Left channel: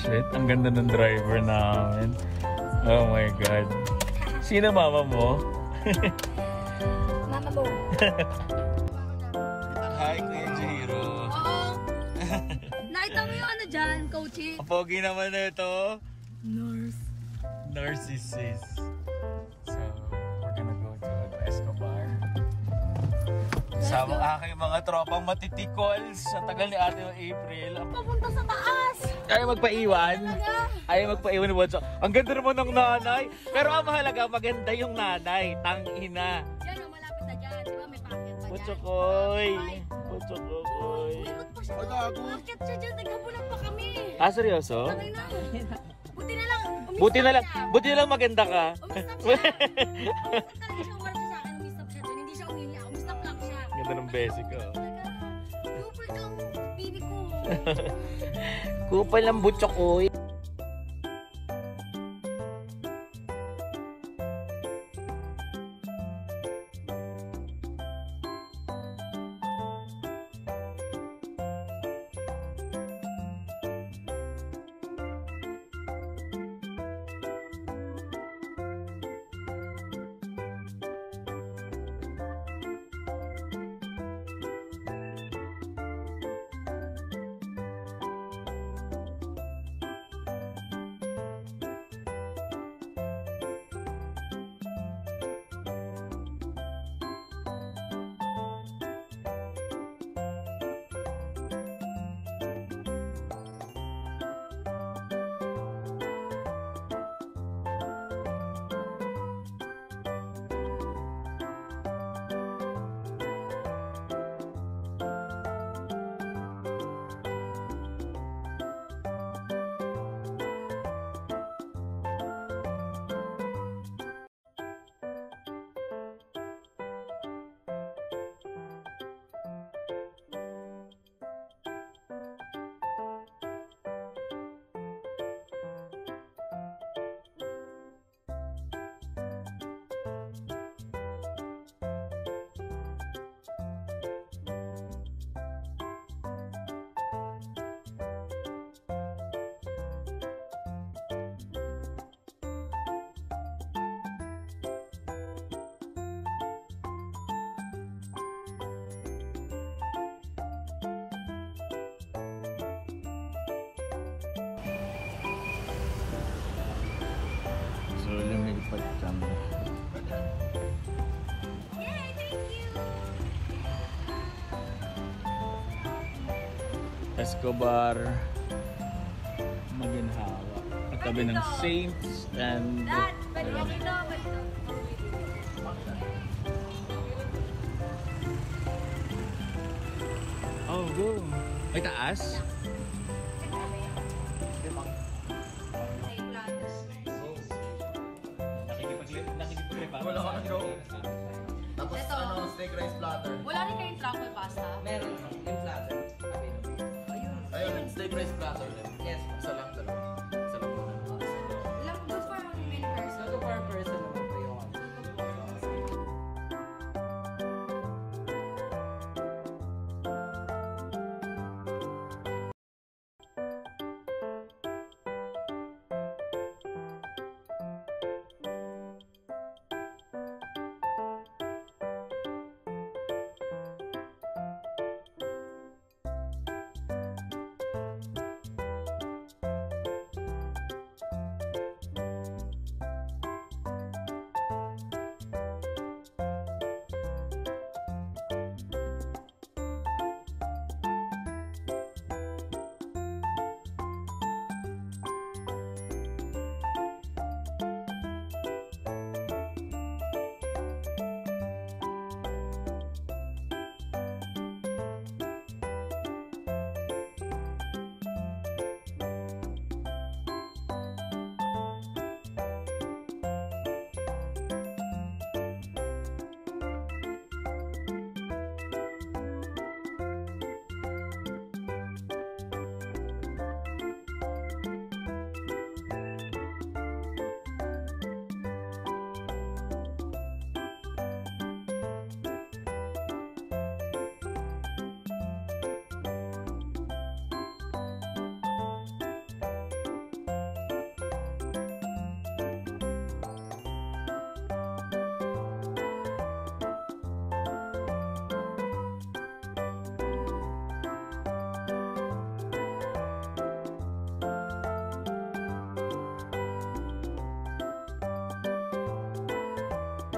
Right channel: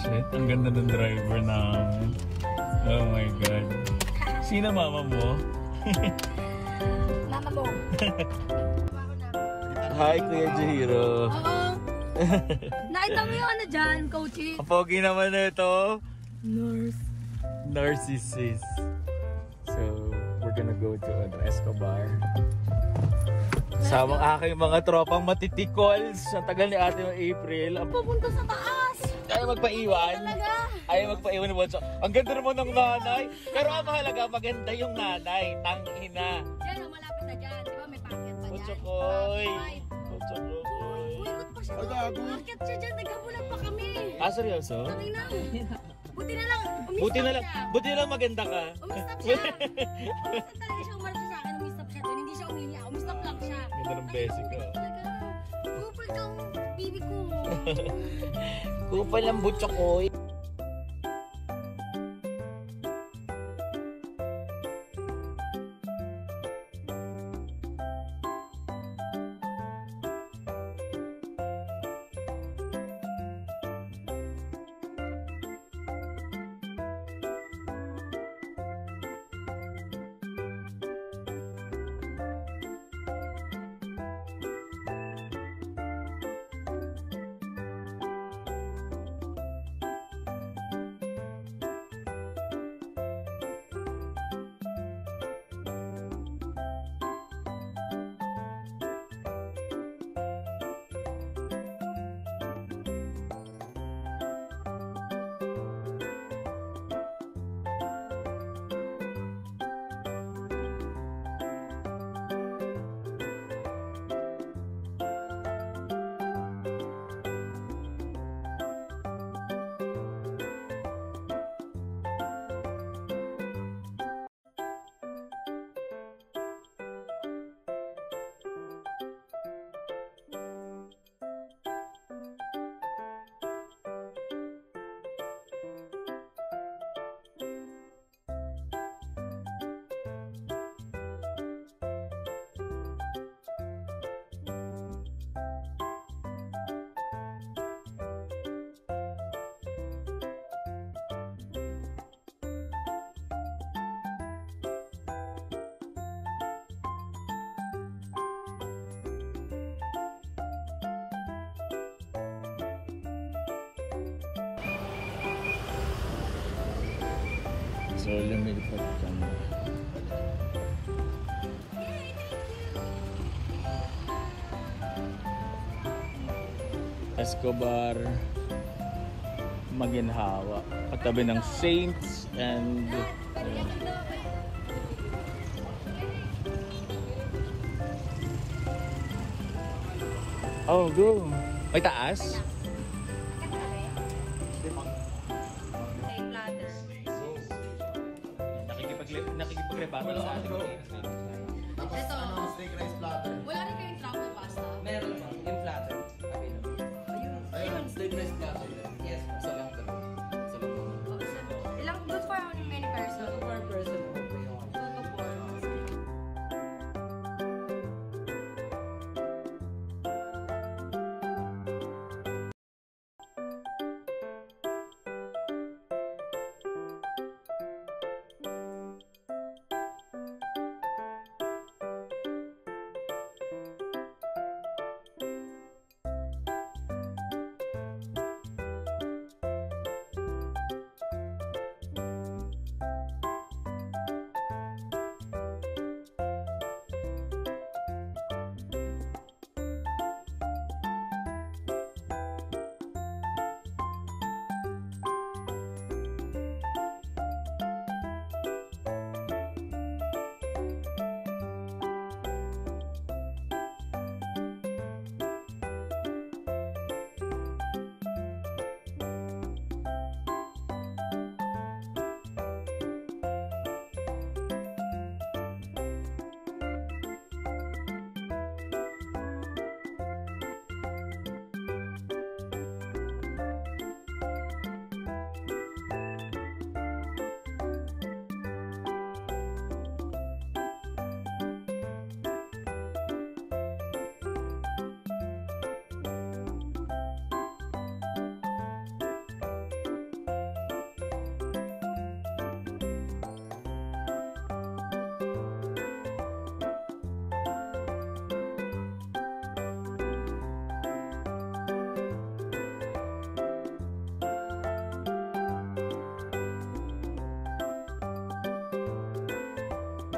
Shit, ang ganda ng driver namin. Oh my God. Sino mama mo? Mama mo. Hi, Kuya Jihiro. Oo. Nakita mo yung ano dyan, coaching? Ang pogi naman na ito. Nurse. Narcissist. So, we're gonna go to Escobar. Sama aking mga tropang matitikol sa tagal ni Ate April. Pupunta sa taas. Ayaw magpaiwan. Talaga. Ayaw magpaiwan ni Watson. Ang ganda naman ng nanay. Pero ang mahalaga, maganda yung nanay. Tangina. Diyan, malapit na dyan. Di ba may packet pa dyan? Putsukoy. Putsukoy. Uwikot pa siya doon. Packet siya dyan. Nagkabulan pa kami. Ah, seryoso? Tangay na. Buti na lang. Buti na lang maganda ka. Umistap siya. Umistap talaga siya. Umarap siya sa akin. Umistap siya doon. Hindi siya umiiyak. Umistap lang siya. Ganda ng basic ko. Talaga. Kupal kang baby ko. Kupal ng butsukoy. So, lumilipad kami. Escobar, Maginhawa. Katabi ng Saints and... Oh, good. May taas? Nakikipag-repato. Wala ka joke. Tapos Ito. Steak rice platter. Wala rin kayong truffle pasta? Meron yung platter. Ayun, steak rice platter. Yes. Isa lang dalawa. Isa lang naman. Ilang good for many person? Two per person naman po yung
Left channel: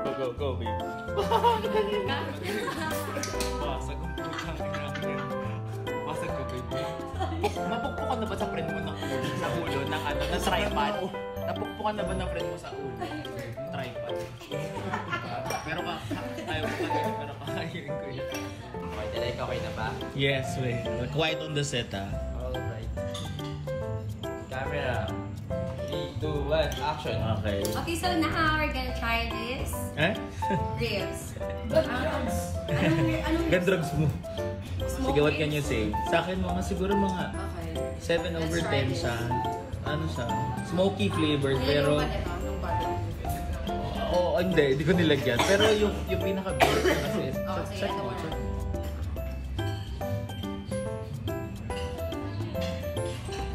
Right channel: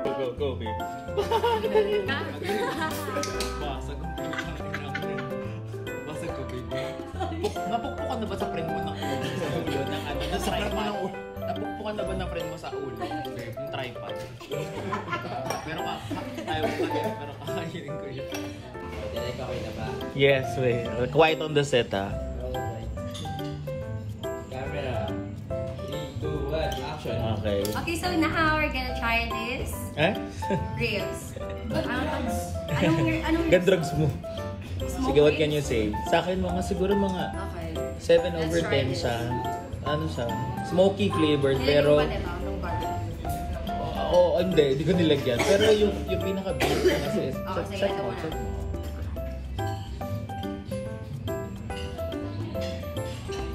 Go, babe. Basag ang putang inang yun. Basag ko, babe. Napukpukan na ba sa friend mo ng ulo? Sa ulo ng ano, ng tripod? Napukpukan na ba ng friend mo sa ulo? Yung tripod? Pero ayaw ko kasi, pero kakainin ko yun. Okay na ba? Yes, wait. Quiet on the set, ah. Alright. Camera. 3, 2, 1, action. Okay. Okay, so now we're gonna try this. Eh? Ribs. Anong Gan drugs mo. Smoke Sige, what can ribs? you say? Sa akin mga siguro mga Okay. 7 over Let's try 10 this. siya. Ano siya? Smoky flavored, Pero... pero... Oo, hindi ko nilagyan. Pero yung pinaka-base na kasi... Okay, sige, ito muna. check mo.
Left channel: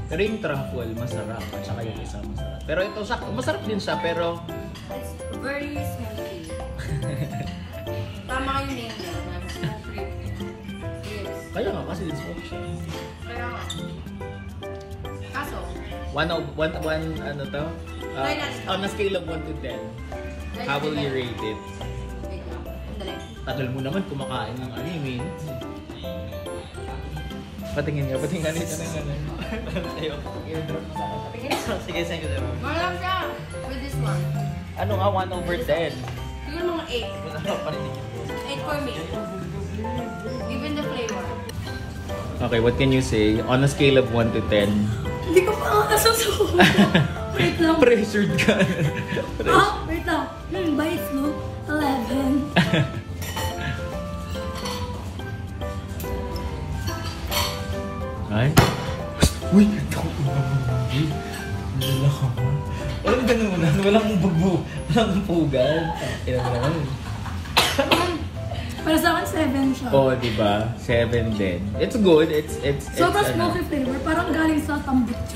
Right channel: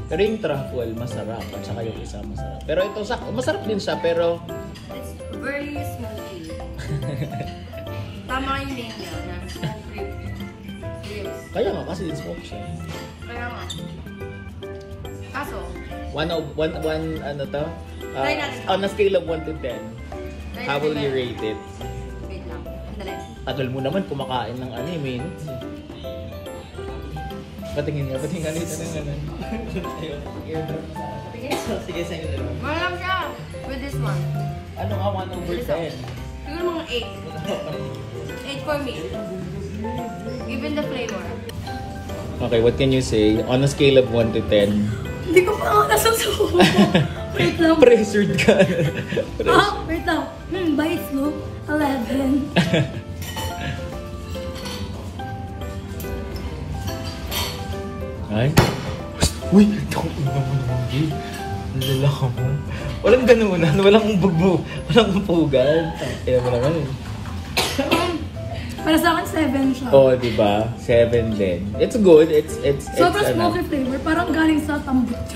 Pero yung truffle, masarap. At saka yung isa, masarap. Pero ito, masarap din siya, pero... It's very smoky. Tama yung name niya na smoke ribs. Kaya nga, kasi din smoke siya. Kaya nga. Kaso, Ano to? Try natin. On a scale of 1 to 10, how will you rate it? wait lang. Andali. Tagal mo naman kumakain ng ano, minutes. Patingin nga dito ng ano. Ayaw, airdrop sa akin. Patingin. Sige, sa inyo. Wala lang siya. With this one. Ano nga, 1 over 10? Siguro mga 8. 8 for me. Given the flavor. Okay, what can you say? On a scale of 1 to 10? Hindi ko pa ako nasusuko. Wait lang. Pressured ka. Wait lang. Bite mo. 11. Ay? Uy! Takot mo naman, babe. Nalala ka mo. Walang ganunan. Walang bugbo. Walang pugan. Kaya mo naman. Para sa akin, 7 siya. Oo, diba? 7 din. It's good. It's Sobrang ano. smoky flavor. Parang galing sa tambutso.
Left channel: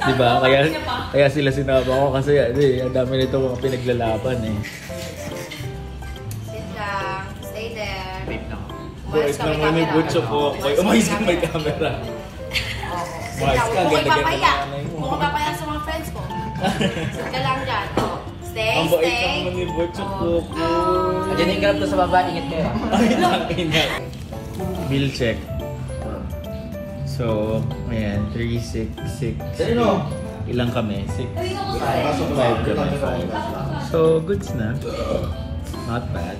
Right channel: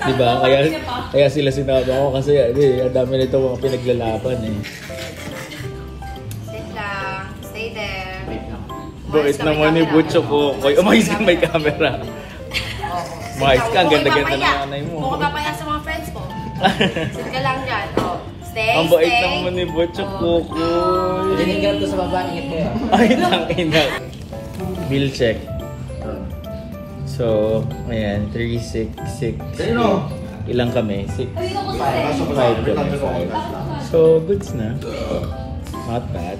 Diba? Kaya sila sinama ko kasi ang dami nito mga pinaglalaban eh. Sit lang. Stay there. Boys naman ni Butcho ko. Umayos ka may camera. Umayos ka. Ang ganda-ganda ng anay mo. Mukhang papaya sa mga friends ko. Sit ka lang dyan. Oh. Stay, Ang bait stay. naman ni Butcho ko. Dinig ka to sa baba, ingit mo yun. Ay, tangina. Bill check. So, ayan. 3, 6, 6. Ilang kami? 6. 5 kami. 5. So, goods na. Not bad.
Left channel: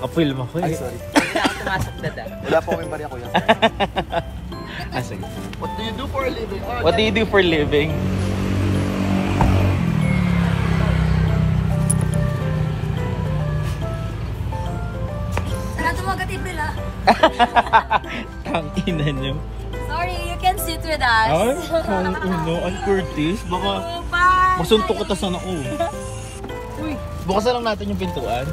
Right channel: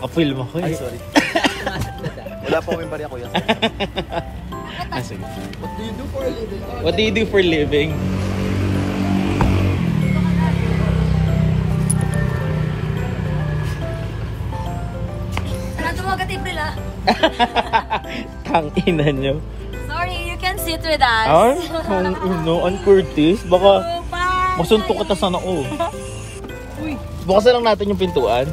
Kapil mo ko eh. Ay, sorry. Wala po kaming barya, kuya. Sige. What do you do for a living? What do you do for a living? Sarado mo agad, April, ah. Tangina nyo. Sorry, you can sit with us. Ay, kung uno, ang Curtis. Baka masuntok kita sana ko. Uy, bukas na lang natin yung pintuan.